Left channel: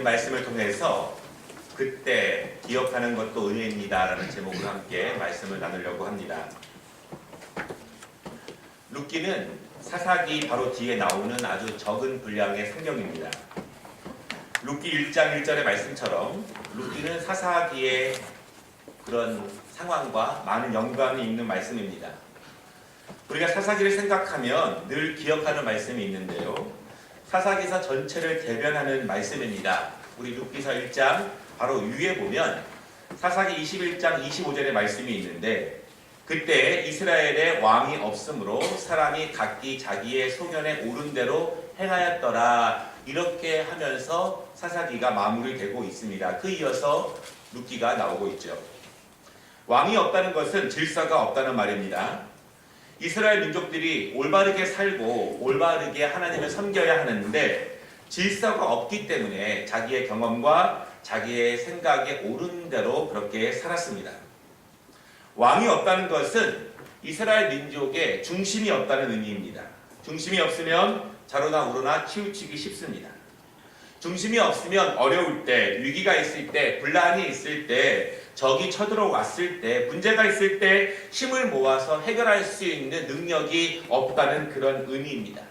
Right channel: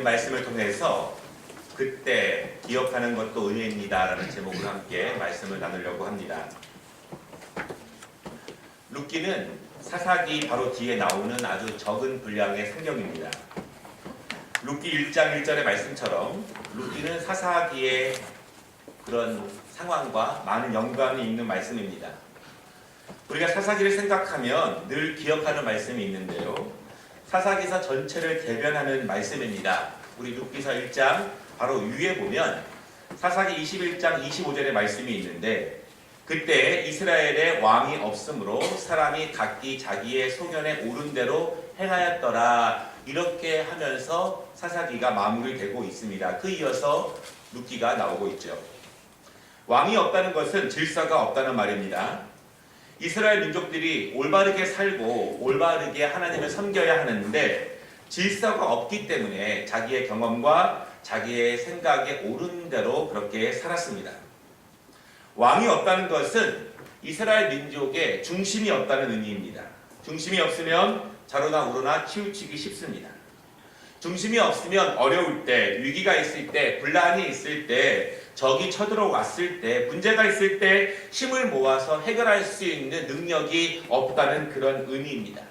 읽은 말씀을 통해서 그때 기억하는 것도 은혜입니다 라는 제목으로 함께 말씀을 나누려고 합니다. 룻기는 사사기 바로 뒤에 나오는 아주 적은 분량의 성경입니다. 룻기 1장 1절의 말씀처럼 룻기는 사사기의 그런 상황과 많은 연관이 있는 말씀입니다. 우리가 사사기를 생각하면 늘 기억하는 말씀이 있는데요. 사사기서 전체를 대변하는 말씀입니다. 우리 룻기서 1장 바로 위에 보면 사사기 21장 25절의 말씀이 있는데, 그때 이스라엘에 왕이 없으므로 사람이 각기 자기의 소견에 오른 대로 행하였더라, 이렇게 하면서 사사기가 마무리되고 있습니다. 그 이어서 룻기가 나오고 있죠. 왕이 없다는 것은 질서가 없다는 말입니다. 이스라엘 민족들이 올바르게 살고 올바르게 하나님을 섬겨야 하는데 질서가 없기 때문에 자기의 경험과 자기의 생각에 옳은 대로 그렇게 살았습니다. 왕이 없다는 것은 이스라엘 민족의 중심이 없다는 의미입니다. 중심이 없으면 좌로나 우로나 치우치기 쉽습니다. 중심이 없으면 어려울 때, 위기가 있을 때, 분란이 있을 때, 적이 쳐들어왔을 때, 문제가 있을 때 힘을 모아서 해결할 수 있는 능력이 없다는 그런 의미입니다.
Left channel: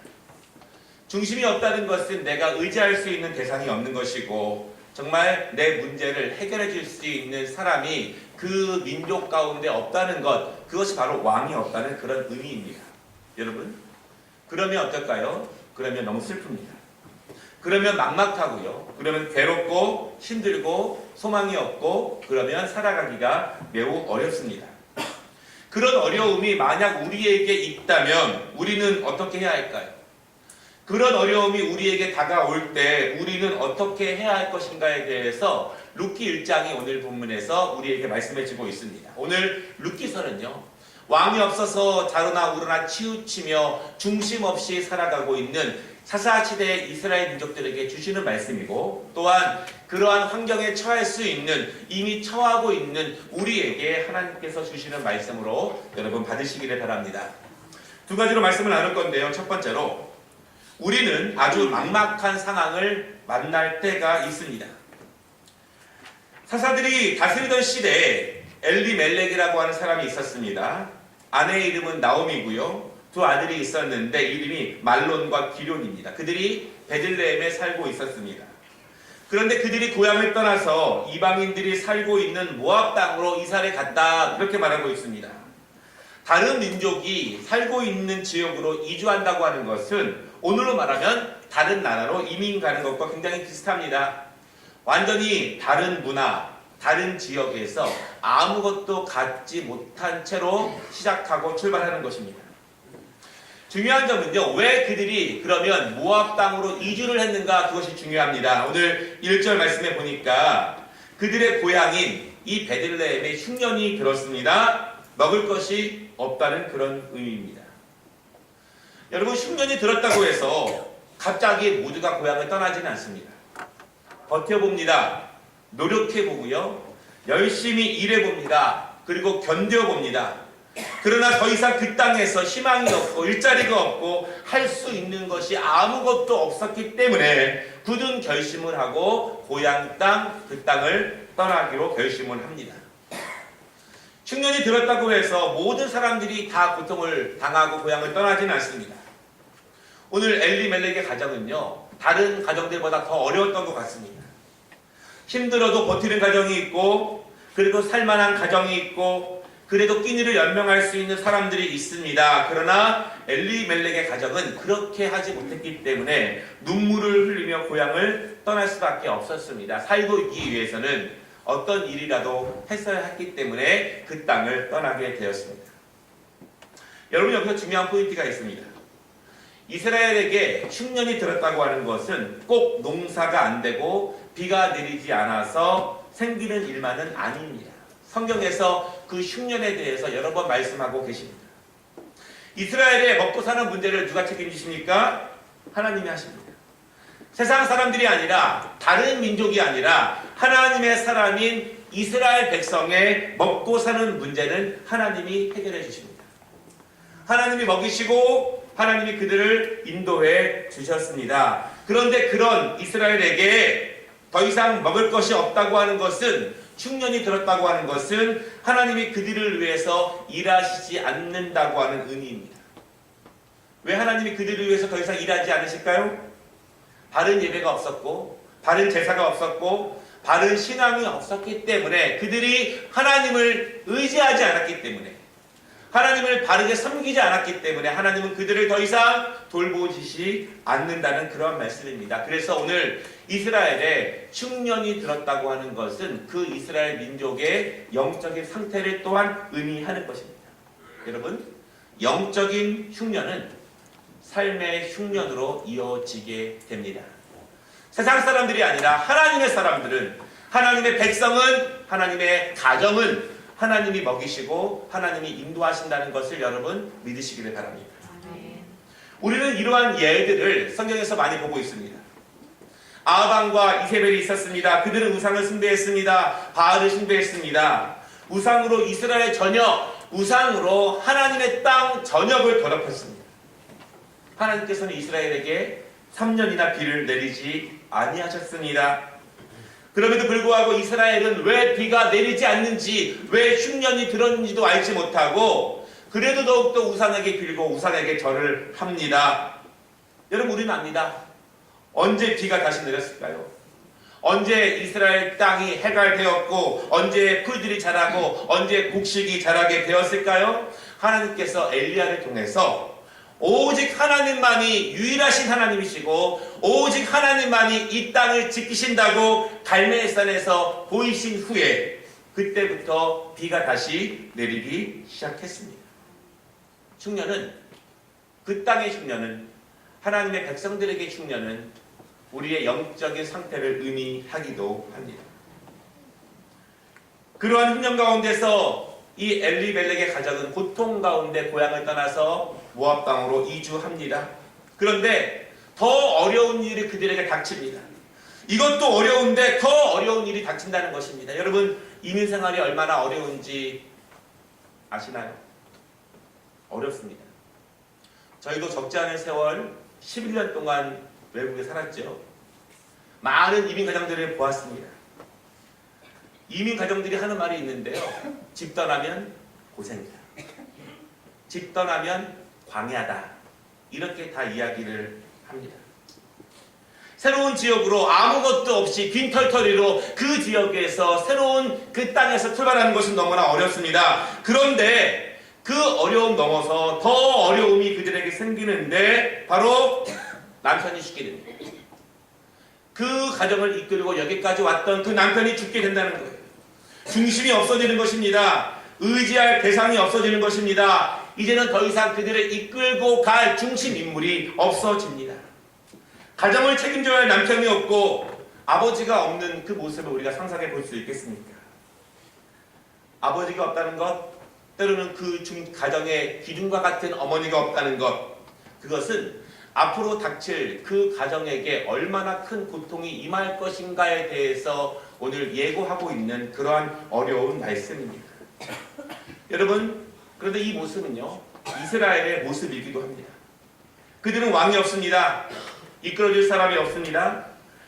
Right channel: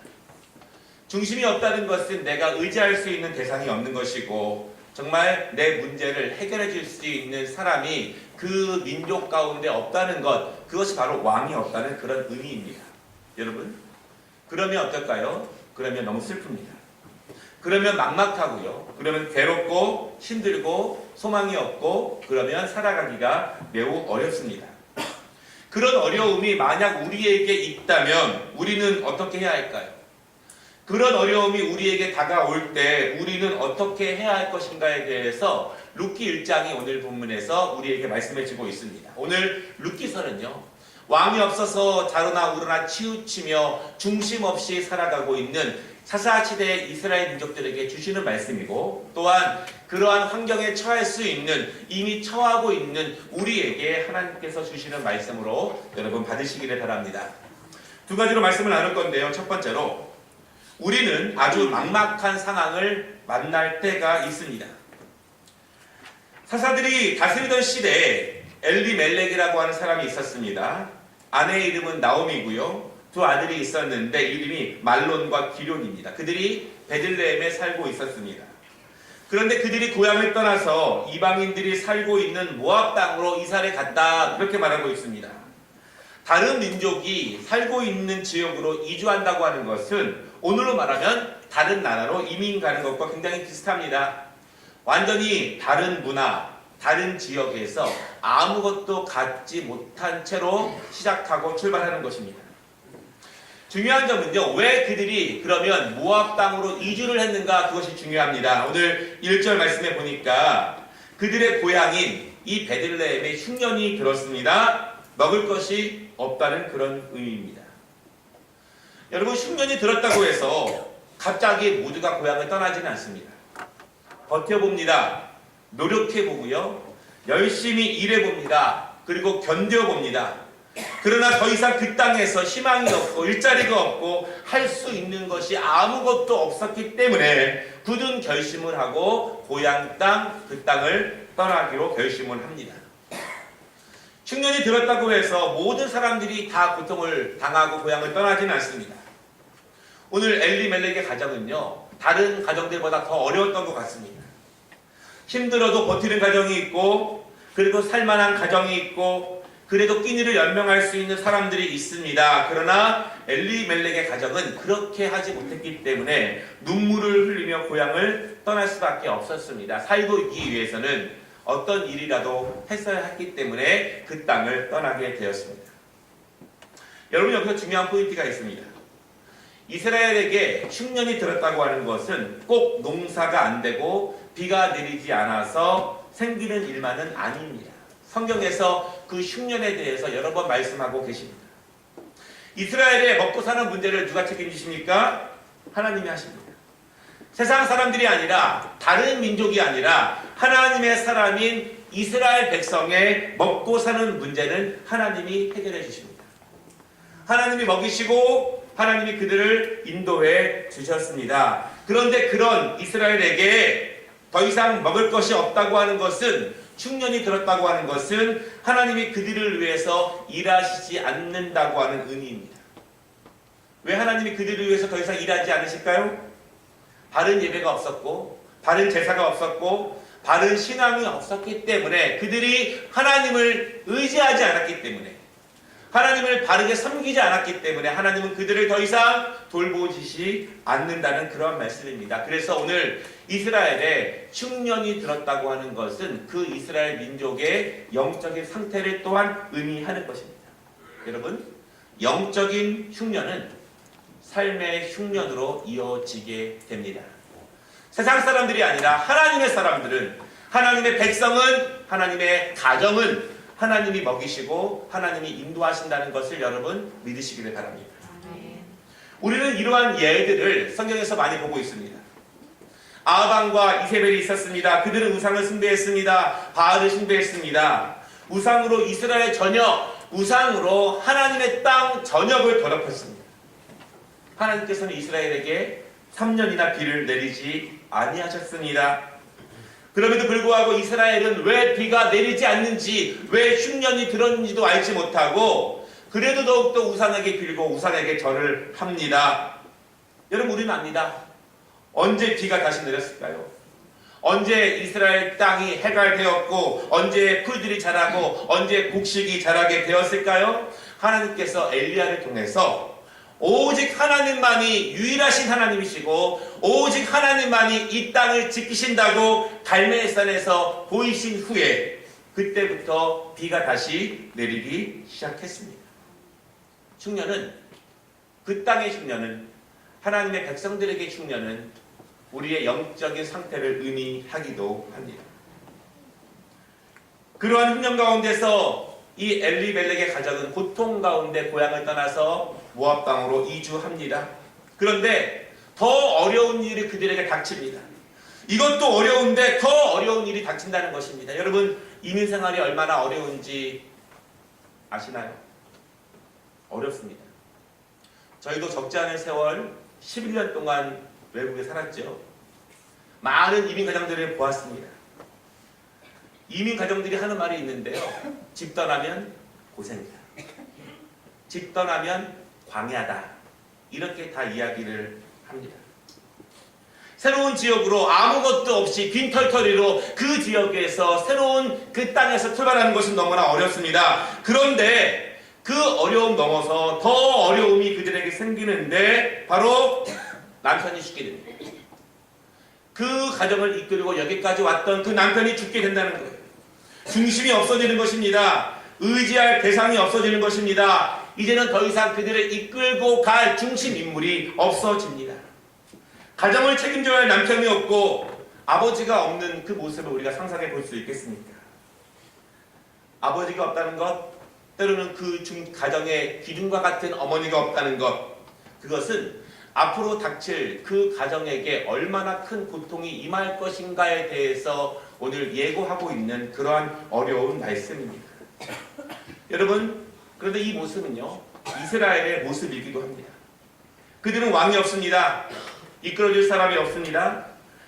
중심이 없다는 것은 내가 의지할 수 있는 대상이 없는 것이고, 정말 내 문제를 해결해 줄 수 있는 사람이 그 민족 가운데 없다는 것, 그것이 바로 왕이 없다는 그런 의미입니다. 여러분, 그러면 어떨까요? 그러면 너무 슬픕니다. 그러면 막막하고요. 그러면 괴롭고 힘들고 소망이 없고, 그러면 살아가기가 매우 어렵습니다. 그런 어려움이 만약 우리에게 있다면 우리는 어떻게 해야 할까요? 그런 어려움이 우리에게 다가올 때 우리는 어떻게 해야 할 것인가에 대해서 룻기 1장이 오늘 본문에서 우리에게 말씀해주고 있습니다. 오늘 룻기서는요, 왕이 없어서 좌로나 우로나 치우치며 중심 없이 살아가고 있는 사사시대의 이스라엘 민족들에게 주시는 말씀이고, 또한 그러한 환경에 처할 수 있는, 이미 처하고 있는 우리에게 하나님께서 주시는 말씀으로 여러분 받으시기를 바랍니다. 두 가지로 말씀을 나눌 건데요. 첫 번째로, 우리는 아주 막막한 상황을 만날 때가 있습니다. 사사들이 다스리던 시대에 엘리멜렉이라고 하는 사람이 있었습니다. 아내의 이름은 나오미고요. 두 아들이 있었는데 이름이 말론과 기럯입니다. 그들이 베들레헴에 살고 있었습니다. 그런데 그들이 고향을 떠나서 이방인들이 살고 있는 모압 땅으로 이사를 갔다, 그렇게 말하고 있습니다. 다른 민족이 살고 있는 지역으로 이주한다고 하는 것은 오늘로 말하면 다른 나라로 이민 가는 것과 굉장히 비슷합니다. 완전히 다른 문화, 다른 지역에서 아무것도 갖지 못한 채로 시작하고 출발하는 것입니다. 중요한 점은요, 왜 그들이 그러면 모압 땅으로 이주를 했는가, 그것이 중요합니다. 오늘 1절 말씀에 보니까 그들의 고향인 이 베들레헴에 흉년이 들었습니다. 먹을 것이 없다는 그런 의미입니다. 여러분, 흉년이 들었다고 해서 갑자기 모두가 고향을 떠나지는 않습니다. 버텨봅니다. 노력해보고요. 열심히 일해봅니다. 그리고 견뎌봅니다. 그러나 더 이상 그 땅에서 희망이 없고 일자리가 없고 할 수 있는 것이 아무것도 없었기 때문에 굳은 결심을 하고 고향 땅, 그 땅을 떠나기로 결심을 합니다. 흉년이 들었다고 해서 모든 사람들이 다 고통을 당하고 고향을 떠나지는 않습니다. 오늘 엘리멜렉의 가정은요, 다른 가정들보다 더 어려웠던 것 같습니다. 힘들어도 버티는 가정이 있고, 그래도 살만한 가정이 있고, 그래도 끼니를 연명할 수 있는 사람들이 있습니다. 그러나 엘리멜렉의 가정은 그렇게 하지 못했기 때문에 눈물을 흘리며 고향을 떠날 수밖에 없었습니다. 살고 있기 위해서는 어떤 일이라도 했어야 했기 때문에 그 땅을 떠나게 되었습니다. 여러분, 여기서 중요한 포인트가 있습니다. 이스라엘에게 흉년이 들었다고 하는 것은 꼭 농사가 안 되고 비가 내리지 않아서 생기는 일만은 아닙니다. 성경에서 그 흉년에 대해서 여러 번 말씀하고 계십니다. 이스라엘의 먹고 사는 문제를 누가 책임지십니까? 하나님이 하십니다. 세상 사람들이 아니라, 다른 민족이 아니라 하나님의 사람인 이스라엘 백성의 먹고 사는 문제는 하나님이 해결해 주십니다. 하나님이 먹이시고 하나님이 그들을 인도해 주셨습니다. 그런데 그런 이스라엘에게 더 이상 먹을 것이 없다고 하는 것은, 흉년이 들었다고 하는 것은 하나님이 그들을 위해서 일하시지 않는다고 하는 의미입니다. 왜 하나님이 그들을 위해서 더 이상 일하지 않으실까요? 바른 예배가 없었고, 바른 제사가 없었고, 바른 신앙이 없었기 때문에, 그들이 하나님을 의지하지 않았기 때문에, 하나님을 바르게 섬기지 않았기 때문에 하나님은 그들을 더 이상 돌보시지 않는다는 그런 말씀입니다. 그래서 오늘 이스라엘에 흉년이 들었다고 하는 것은 그 이스라엘 민족의 영적인 상태를 또한 의미하는 것입니다. 여러분, 영적인 흉년은 삶의 흉년으로 이어지게 됩니다. 세상 사람들이 아니라 하나님의 사람들은, 하나님의 백성은, 하나님의 가정은 하나님이 먹이시고 하나님이 인도하신다는 것을 여러분 믿으시기를 바랍니다. 우리는 이러한 예들을 성경에서 많이 보고 있습니다. 아합과 이세벨이 있었습니다. 그들은 우상을 숭배했습니다. 바알을 숭배했습니다. 우상으로 이스라엘 전역, 우상으로 하나님의 땅 전역을 더럽혔습니다. 하나님께서는 이스라엘에게 3년이나 비를 내리지 아니하셨습니다. 그럼에도 불구하고 이스라엘은 왜 비가 내리지 않는지, 왜 흉년이 들었는지도 알지 못하고 그래도 더욱더 우상에게 빌고 우상에게 절을 합니다. 여러분, 우리는 압니다. 언제 비가 다시 내렸을까요? 언제 이스라엘 땅이 해갈되었고, 언제 풀들이 자라고, 언제 곡식이 자라게 되었을까요? 하나님께서 엘리야를 통해서 오직 하나님만이 유일하신 하나님이시고 오직 하나님만이 이 땅을 지키신다고 갈멜산에서 보이신 후에 그때부터 비가 다시 내리기 시작했습니다. 흉년은, 그 땅의 흉년은, 하나님의 백성들에게 흉년은 우리의 영적인 상태를 의미하기도 합니다. 그러한 흉년 가운데서 이 엘리멜렉의 가족은 고통 가운데 고향을 떠나서 모압 땅으로 이주합니다. 그런데 더 어려운 일이 그들에게 닥칩니다. 이것도 어려운데 더 어려운 일이 닥친다는 것입니다. 여러분, 이민 생활이 얼마나 어려운지 아시나요? 어렵습니다. 저희도 적지 않은 세월 11년 동안 외국에 살았죠. 많은 이민 가정들을 보았습니다. 이민 가정들이 하는 말이 있는데요. 집 떠나면 고생이다. 집 떠나면 광야다. 이렇게 다 이야기를 합니다. 새로운 지역으로 아무것도 없이 빈털터리로 그 지역에서 새로운 그 땅에서 출발하는 것은 너무나 어렵습니다. 그런데 그 어려움 넘어서 더 어려움이 그들에게 생기는데 바로 남편이 죽게 됩니다. 그 가정을 이끌고 여기까지 왔던 그 남편이 죽게 된다는 거예요. 중심이 없어지는 것입니다. 의지할 대상이 없어지는 것입니다. 이제는 더 이상 그들을 이끌고 갈 중심 인물이 없어집니다. 가정을 책임져야 할 남편이 없고 아버지가 없는 그 모습을 우리가 상상해 볼 수 있겠습니까? 아버지가 없다는 것, 때로는 그 가정의 기둥과 같은 어머니가 없다는 것, 그것은 앞으로 닥칠 그 가정에게 얼마나 큰 고통이 임할 것인가에 대해서 오늘 예고하고 있는 그러한 어려운 말씀입니다. 여러분, 그런데 이 모습은요, 이스라엘의 모습이기도 합니다. 그들은 왕이 없습니다. 이끌어줄 사람이 없습니다.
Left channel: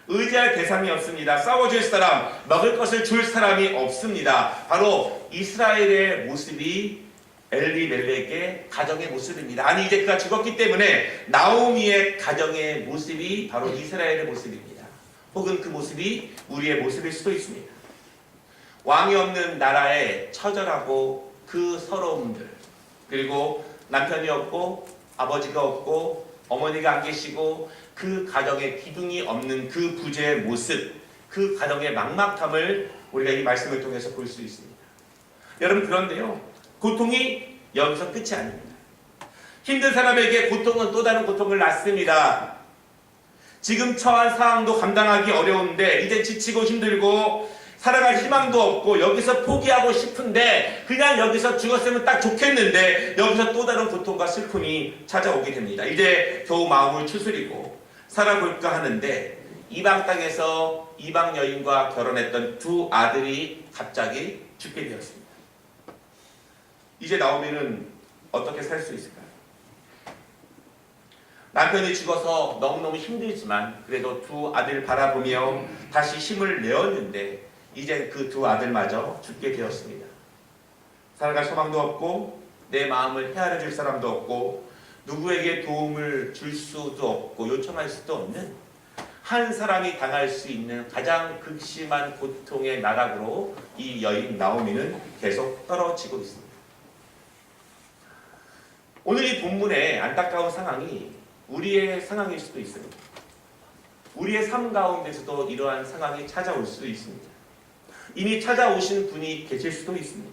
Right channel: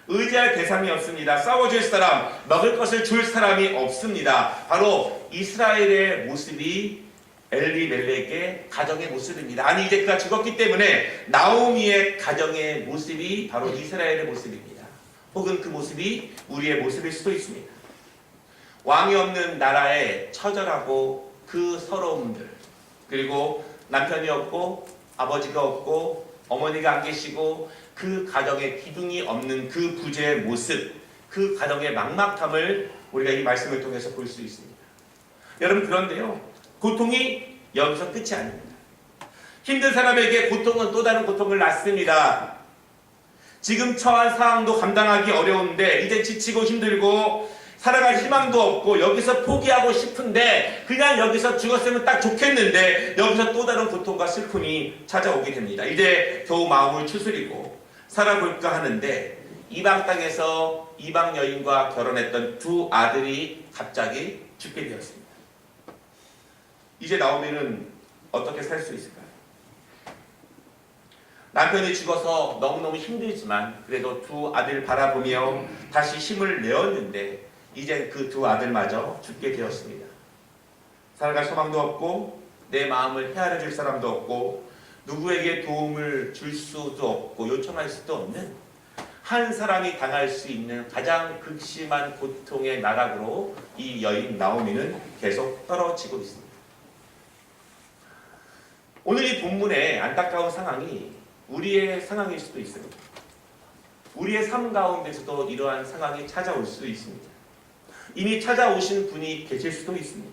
의지할 대상이 없습니다. 싸워줄 사람, 먹을 것을 줄 사람이 없습니다. 바로 이스라엘의 모습이 엘리멜렉의 가정의 모습입니다. 아니, 이제 그가 죽었기 때문에 나오미의 가정의 모습이 바로 이스라엘의 모습입니다. 혹은 그 모습이 우리의 모습일 수도 있습니다. 왕이 없는 나라의 처절하고 그 서러움들, 그리고 남편이 없고 아버지가 없고 어머니가 안 계시고 그 가정의 기둥이 없는 그 부재의 모습, 그 가정의 막막함을 우리가 이 말씀을 통해서 볼 수 있습니다. 여러분, 그런데요, 고통이 여기서 끝이 아닙니다. 힘든 사람에게 고통은 또 다른 고통을 낳습니다. 지금 처한 상황도 감당하기 어려운데 이제 지치고 힘들고 살아갈 희망도 없고 여기서 포기하고 싶은데 그냥 여기서 죽었으면 딱 좋겠는데 여기서 또 다른 고통과 슬픔이 찾아오게 됩니다. 이제 겨우 마음을 추스리고 살아볼까 하는데 이방 땅에서 이방 여인과 결혼했던 두 아들이 갑자기 죽게 되었습니다. 이제 나오미는 어떻게 살 수 있을까요? 남편이 죽어서 너무너무 힘들지만 그래도 두 아들 바라보며 다시 힘을 내었는데 이제 그 두 아들마저 죽게 되었습니다. 살아갈 소망도 없고 내 마음을 헤아려 줄 사람도 없고 누구에게 도움을 줄 수도 없고 요청할 수도 없는 한 사람이 당할 수 있는 가장 극심한 고통의 나락으로 이 여인 나오미는 계속 떨어지고 있습니다. 오늘 이 본문의 안타까운 상황이 우리의 상황일 수도 있습니다. 우리의 삶 가운데서도 이러한 상황이 찾아올 수 있습니다. 이미 찾아오신 분이 계실 수도 있습니다.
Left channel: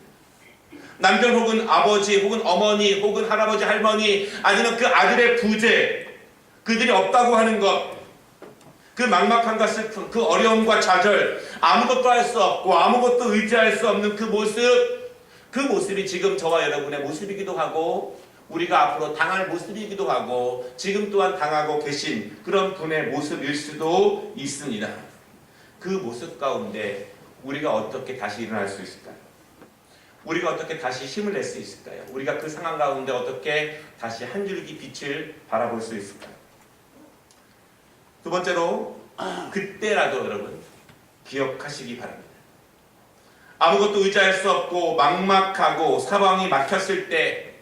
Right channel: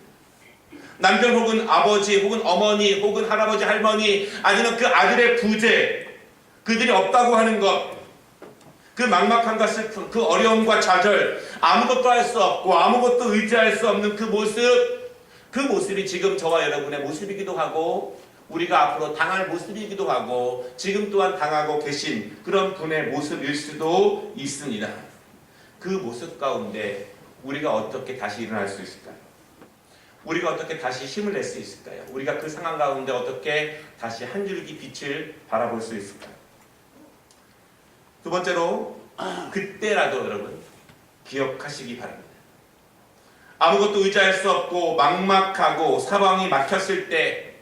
남편 혹은 아버지 혹은 어머니 혹은 할아버지 할머니 아니면 그 아들의 부재, 그들이 없다고 하는 것, 그 막막함과 슬픔, 그 어려움과 좌절, 아무것도 할 수 없고 아무것도 의지할 수 없는 그 모습, 그 모습이 지금 저와 여러분의 모습이기도 하고 우리가 앞으로 당할 모습이기도 하고 지금 또한 당하고 계신 그런 분의 모습일 수도 있습니다. 그 모습 가운데 우리가 어떻게 다시 일어날 수 있을까요? 우리가 어떻게 다시 힘을 낼 수 있을까요? 우리가 그 상황 가운데 어떻게 다시 한 줄기 빛을 바라볼 수 있을까요? 두 번째로 그때라도 여러분 기억하시기 바랍니다. 아무것도 의지할 수 없고 막막하고 사방이 막혔을 때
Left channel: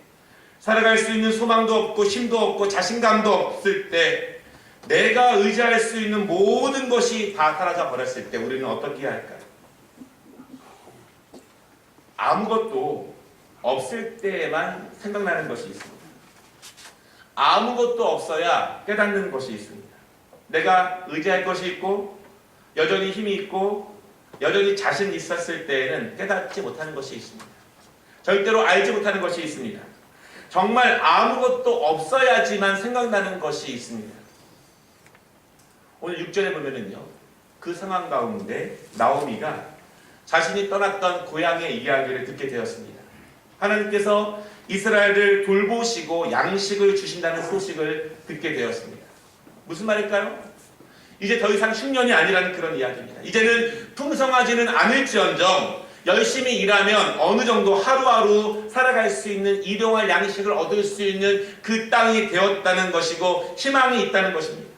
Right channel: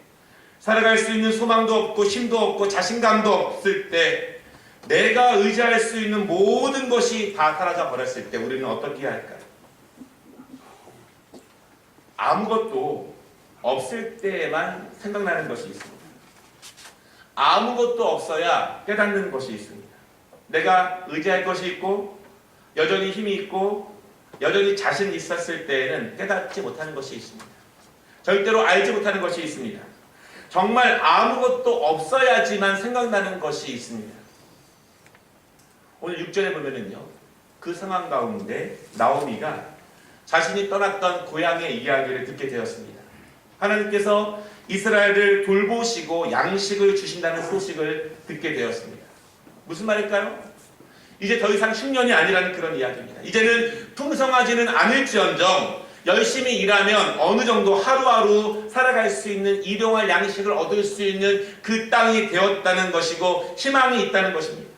살아갈 수 있는 소망도 없고 힘도 없고 자신감도 없을 때 내가 의지할 수 있는 모든 것이 다 사라져 버렸을 때 우리는 어떻게 할까요? 아무것도 없을 때에만 생각나는 것이 있습니다. 아무것도 없어야 깨닫는 것이 있습니다. 내가 의지할 것이 있고 여전히 힘이 있고 여전히 자신이 있었을 때에는 깨닫지 못하는 것이 있습니다. 절대로 알지 못하는 것이 있습니다. 정말 아무것도 없어야지만 생각나는 것이 있습니다. 오늘 6절에 보면은요, 그 상황 가운데 나오미가 자신이 떠났던 고향의 이야기를 듣게 되었습니다. 하나님께서 이스라엘을 돌보시고 양식을 주신다는 소식을 듣게 되었습니다. 무슨 말일까요? 이제 더 이상 10년이 아니라는 그런 이야기입니다. 이제는 풍성하지는 않을지언정 열심히 일하면 어느 정도 하루하루 살아갈 수 있는 일용할 양식을 얻을 수 있는 그 땅이 되었다는 것이고 희망이 있다는 것입니다.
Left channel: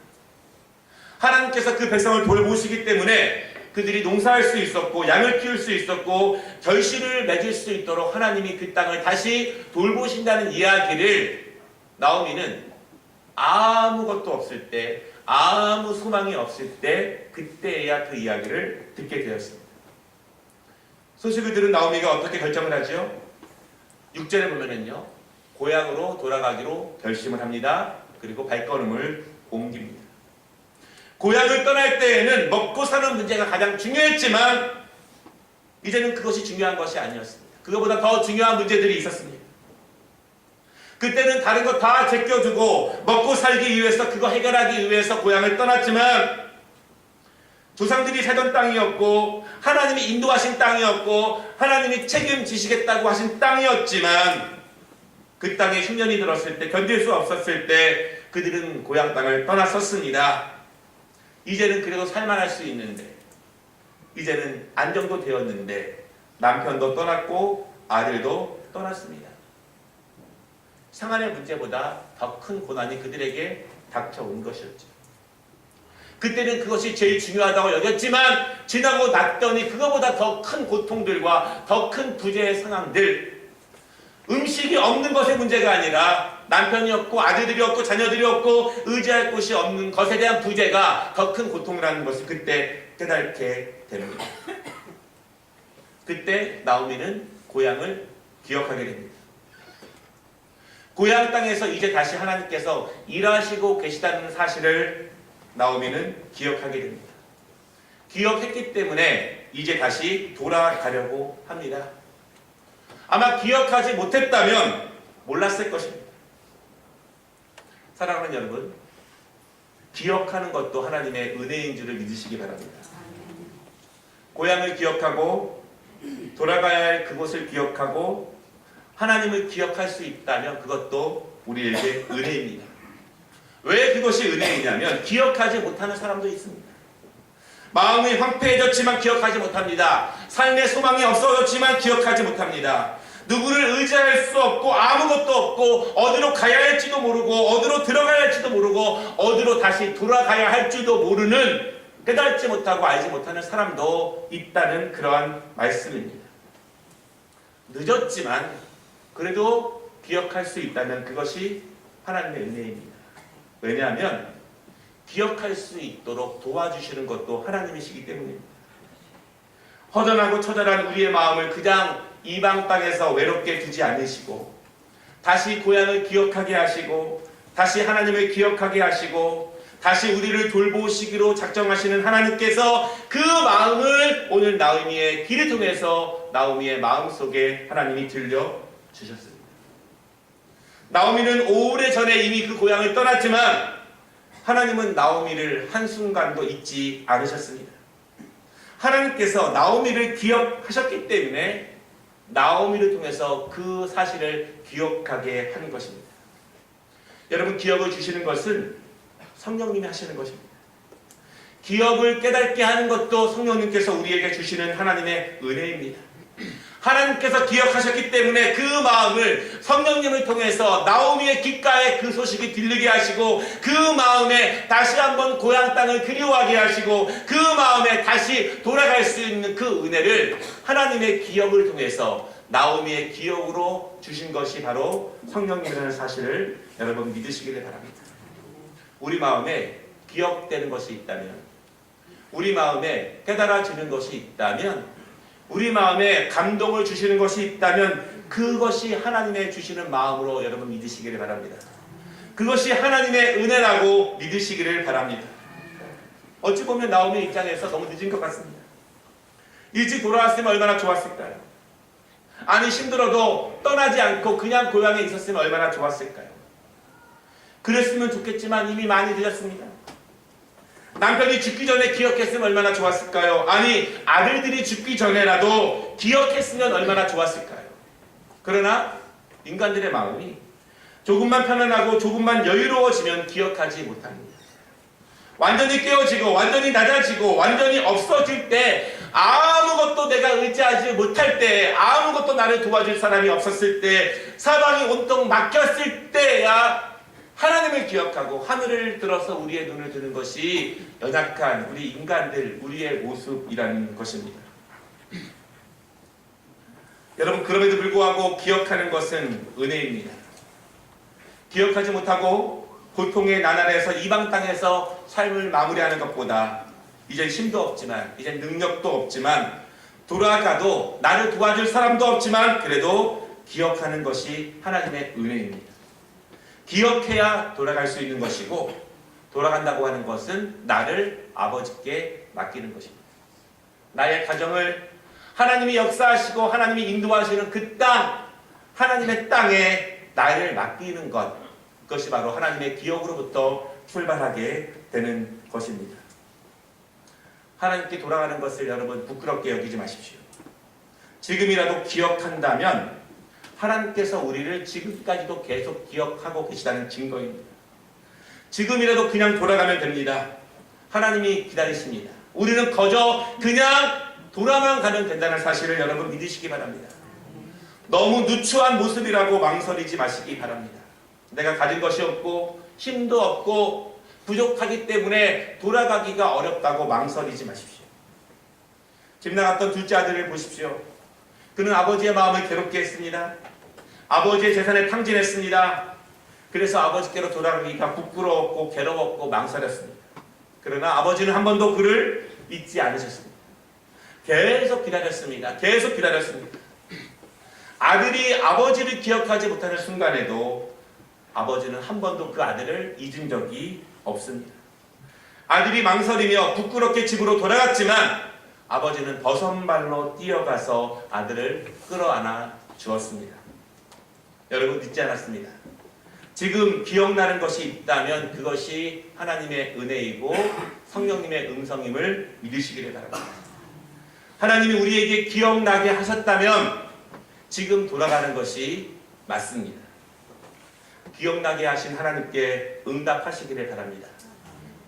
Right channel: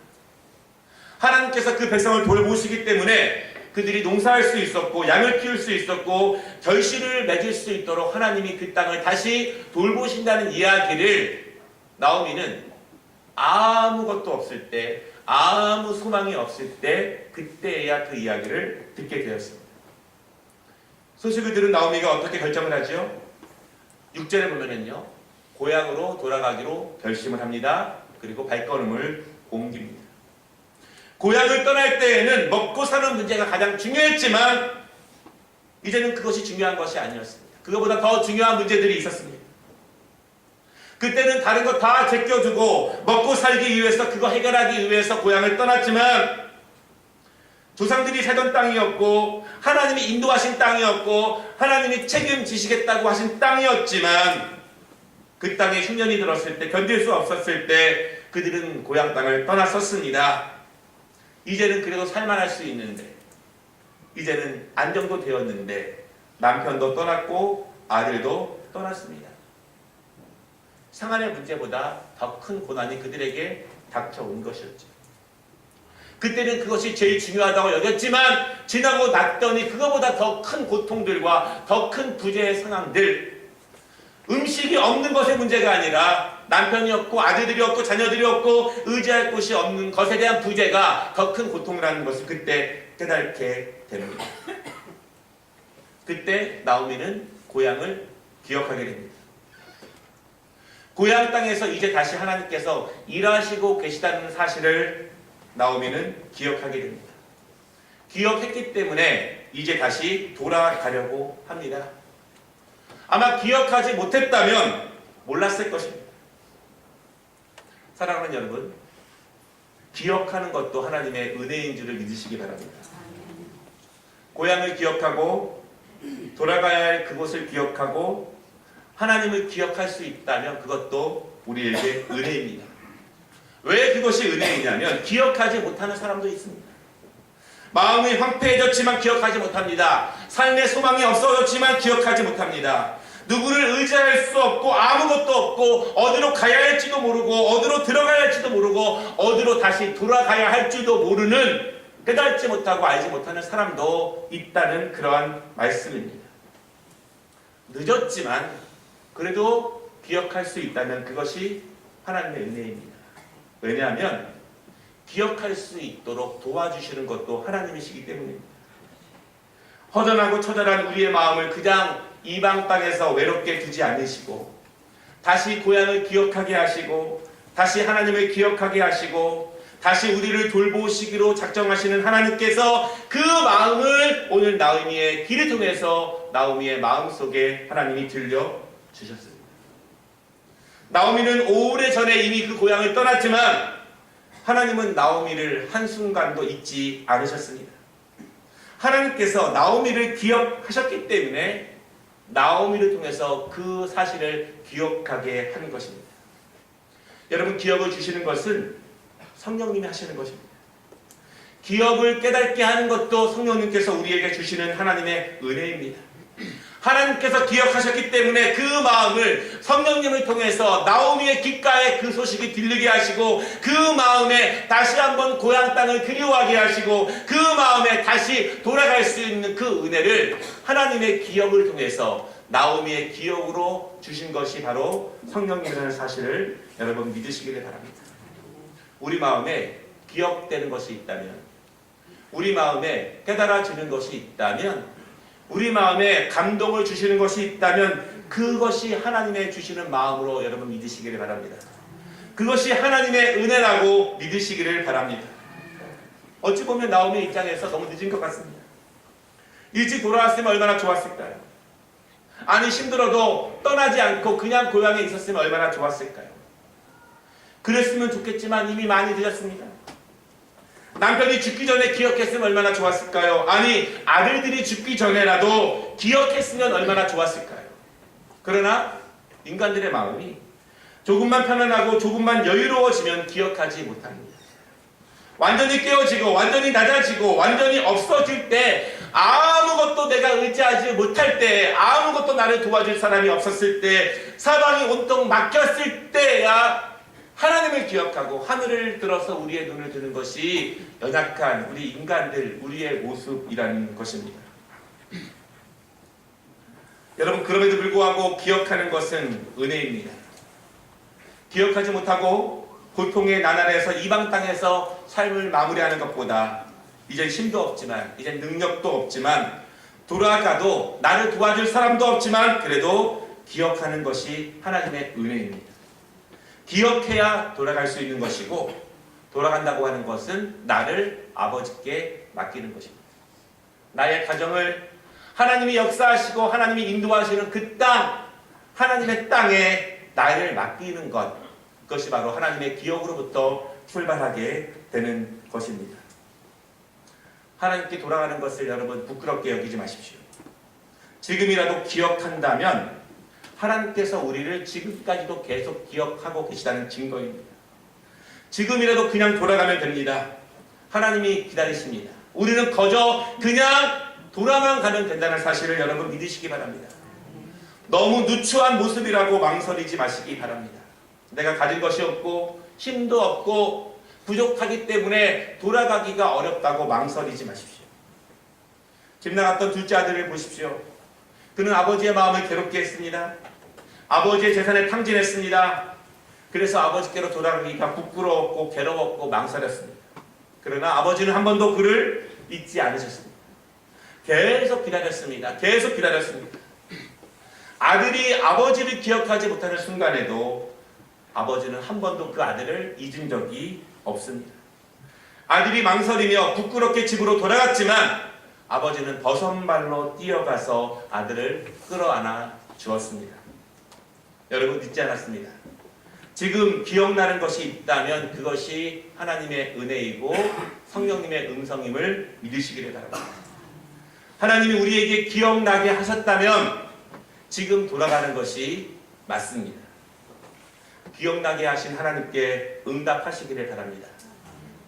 하나님께서 그 백성을 돌보시기 때문에 그들이 농사할 수 있었고 양을 키울 수 있었고 결실을 맺을 수 있도록 하나님이 그 땅을 다시 돌보신다는 이야기를 나오미는 아무것도 없을 때 아무 소망이 없을 때 그때야 그 이야기를 듣게 되었습니다. 소식을 들은 나오미가 어떻게 결정을 하죠? 6절에 보면은요, 고향으로 돌아가기로 결심을 합니다. 그리고 발걸음을 옮깁니다. 고향을 떠날 때에는 먹고 사는 문제가 가장 중요했지만 이제는 그것이 중요한 것이 아니었습니다. 그것보다 더 중요한 문제들이 있었습니다. 그때는 다른 거 다 제껴두고 먹고 살기 위해서 그거 해결하기 위해서 고향을 떠났지만 조상들이 살던 땅이었고 하나님이 인도하신 땅이었고 하나님이 책임지시겠다고 하신 땅이었지만 그 땅에 흉년이 들었을 때 견딜 수 없었을 때 그들은 고향 땅을 떠났었습니다. 이제는 그래도 살만할 수 있는데 이제는 안정도 되었는데 남편도 떠났고 아들도 떠났습니다. 생활의 문제보다 더 큰 고난이 그들에게 닥쳐온 것이었죠. 그때는 그것이 제일 중요하다고 여겼지만 지나고 났더니 그거보다 더 큰 고통들과 더 큰 부재의 상황들, 음식이 없는 것의 문제가 아니라 남편이 없고 아들들이 없고 자녀들이 없고 의지할 곳이 없는 것에 대한 부재가 더 큰 고통이라는 것을 그때 깨닫게 됩니다. 그때 나오미는 고향을 기억하게 됩니다. 고향 땅에서 이제 다시 하나님께서 일하시고 계시다는 사실을 나오미는 기억하게 됩니다. 기억했기 때문에 이제 다시 돌아가려고 합니다. 아마 기억하지 못했다면 몰랐을 것입니다. 사랑하는 여러분, 기억하는 것도 하나님의 은혜인 줄을 믿으시기 바랍니다. 고향을 기억하고 돌아가야 할 그곳을 기억하고 하나님을 기억할 수 있다면 그것도 우리에게 은혜입니다. 왜 그것이 은혜이냐면 기억하지 못하는 사람도 있습니다. 마음이 황폐해졌지만 기억하지 못합니다. 삶의 소망이 없어졌지만 기억하지 못합니다. 누구를 의지할 수 없고 아무것도 없고 어디로 가야 할지도 모르고 어디로 들어가야 할지도 모르고 어디로 다시 돌아가야 할지도 모르는 깨닫지 못하고 알지 못하는 사람도 있다는 그러한 말씀입니다. 늦었지만 그래도 기억할 수 있다면 그것이 하나님의 은혜입니다. 왜냐하면 기억할 수 있도록 도와주시는 것도 하나님이시기 때문입니다. 허전하고 처절한 우리의 마음을 그냥 이방 땅에서 외롭게 두지 않으시고 다시 고향을 기억하게 하시고 다시 하나님을 기억하게 하시고 다시 우리를 돌보시기로 작정하시는 하나님께서 그 마음을 오늘 나오미의 길을 통해서 나오미의 마음속에 하나님이 들려주셨습니다. 나오미는 오래전에 이미 그 고향을 떠났지만 하나님은 나오미를 한순간도 잊지 않으셨습니다. 하나님께서 나오미를 기억하셨기 때문에 나오미를 통해서 그 사실을 기억하게 하는 것입니다. 여러분, 기억을 주시는 것은 성령님이 하시는 것입니다. 기억을 깨닫게 하는 것도 성령님께서 우리에게 주시는 하나님의 은혜입니다. 하나님께서 기억하셨기 때문에 그 마음을 성령님을 통해서 나오미의 귓가에 그 소식이 들리게 하시고 그 마음에 다시 한번 고향 땅을 그리워하게 하시고 그 마음에 다시 돌아갈 수 있는 그 은혜를 하나님의 기억을 통해서 나오미의 기억으로 주신 것이 바로 성령님이라는 사실을 여러분 믿으시기를 바랍니다. 우리 마음에 기억되는 것이 있다면, 우리 마음에 깨달아지는 것이 있다면, 우리 마음에 감동을 주시는 것이 있다면 그것이 하나님의 주시는 마음으로 여러분 믿으시기를 바랍니다. 그것이 하나님의 은혜라고 믿으시기를 바랍니다. 어찌 보면 나오미 입장에서 너무 늦은 것 같습니다. 일찍 돌아왔으면 얼마나 좋았을까요? 아니, 힘들어도 떠나지 않고 그냥 고향에 있었으면 얼마나 좋았을까요? 그랬으면 좋겠지만 이미 많이 늦었습니다. 남편이 죽기 전에 기억했으면 얼마나 좋았을까요? 아니, 아들들이 죽기 전에라도 기억했으면 얼마나 좋았을까요? 그러나 인간들의 마음이 조금만 편안하고 조금만 여유로워지면 기억하지 못합니다. 완전히 깨어지고 완전히 낮아지고 완전히 없어질 때, 아무것도 내가 의지하지 못할 때, 아무것도 나를 도와줄 사람이 없었을 때, 사방이 온통 막혔을 때야 하나님을 기억하고 하늘을 들어서 우리의 눈을 드는 것이 연약한 우리 인간들, 우리의 모습이라는 것입니다. 여러분, 그럼에도 불구하고 기억하는 것은 은혜입니다. 기억하지 못하고 고통의 나날에서 이방 땅에서 삶을 마무리하는 것보다 이젠 힘도 없지만, 이젠 능력도 없지만, 돌아가도 나를 도와줄 사람도 없지만 그래도 기억하는 것이 하나님의 은혜입니다. 기억해야 돌아갈 수 있는 것이고, 돌아간다고 하는 것은 나를 아버지께 맡기는 것입니다. 나의 가정을 하나님이 역사하시고 하나님이 인도하시는 그 땅, 하나님의 땅에 나를 맡기는 것, 그것이 바로 하나님의 기억으로부터 출발하게 되는 것입니다. 하나님께 돌아가는 것을 여러분 부끄럽게 여기지 마십시오. 지금이라도 기억한다면 하나님께서 우리를 지금까지도 계속 기억하고 계시다는 증거입니다. 지금이라도 그냥 돌아가면 됩니다. 하나님이 기다리십니다. 우리는 거저 그냥 돌아만 가면 된다는 사실을 여러분 믿으시기 바랍니다. 너무 누추한 모습이라고 망설이지 마시기 바랍니다. 내가 가진 것이 없고 힘도 없고 부족하기 때문에 돌아가기가 어렵다고 망설이지 마십시오. 집 나갔던 둘째 아들을 보십시오. 그는 아버지의 마음을 괴롭게 했습니다. 아버지의 재산에 탕진했습니다. 그래서 아버지께로 돌아가기가 부끄러웠고 괴로웠고 망설였습니다. 그러나 아버지는 한 번도 그를 잊지 않으셨습니다. 계속 기다렸습니다. 계속 기다렸습니다. 아들이 아버지를 기억하지 못하는 순간에도 아버지는 한 번도 그 아들을 잊은 적이 없습니다. 아들이 망설이며 부끄럽게 집으로 돌아갔지만 아버지는 버선발로 뛰어가서 아들을 끌어안아 주었습니다. 여러분, 잊지 않았습니다. 지금 기억나는 것이 있다면 그것이 하나님의 은혜이고 성령님의 음성임을 믿으시기를 바랍니다. 하나님이 우리에게 기억나게 하셨다면 지금 돌아가는 것이 맞습니다. 기억나게 하신 하나님께 응답하시기를 바랍니다.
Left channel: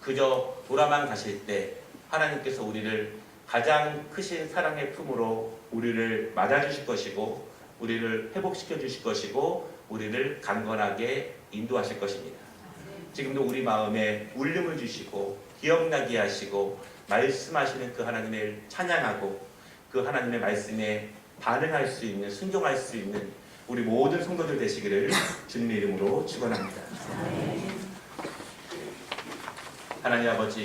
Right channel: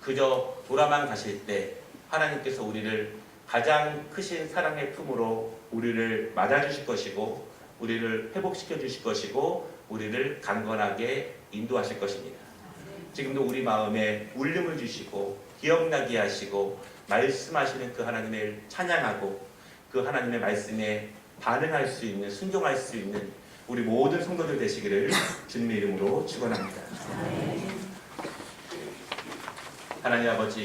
그저 돌아만 가실 때 하나님께서 우리를 가장 크신 사랑의 품으로 우리를 맞아주실 것이고 우리를 회복시켜 주실 것이고 우리를 강건하게 인도하실 것입니다. 지금도 우리 마음에 울림을 주시고 기억나게 하시고 말씀하시는 그 하나님을 찬양하고 그 하나님의 말씀에 반응할 수 있는, 순종할 수 있는 우리 모든 성도들 되시기를 주님의 이름으로 축원합니다. 하나님 아버지,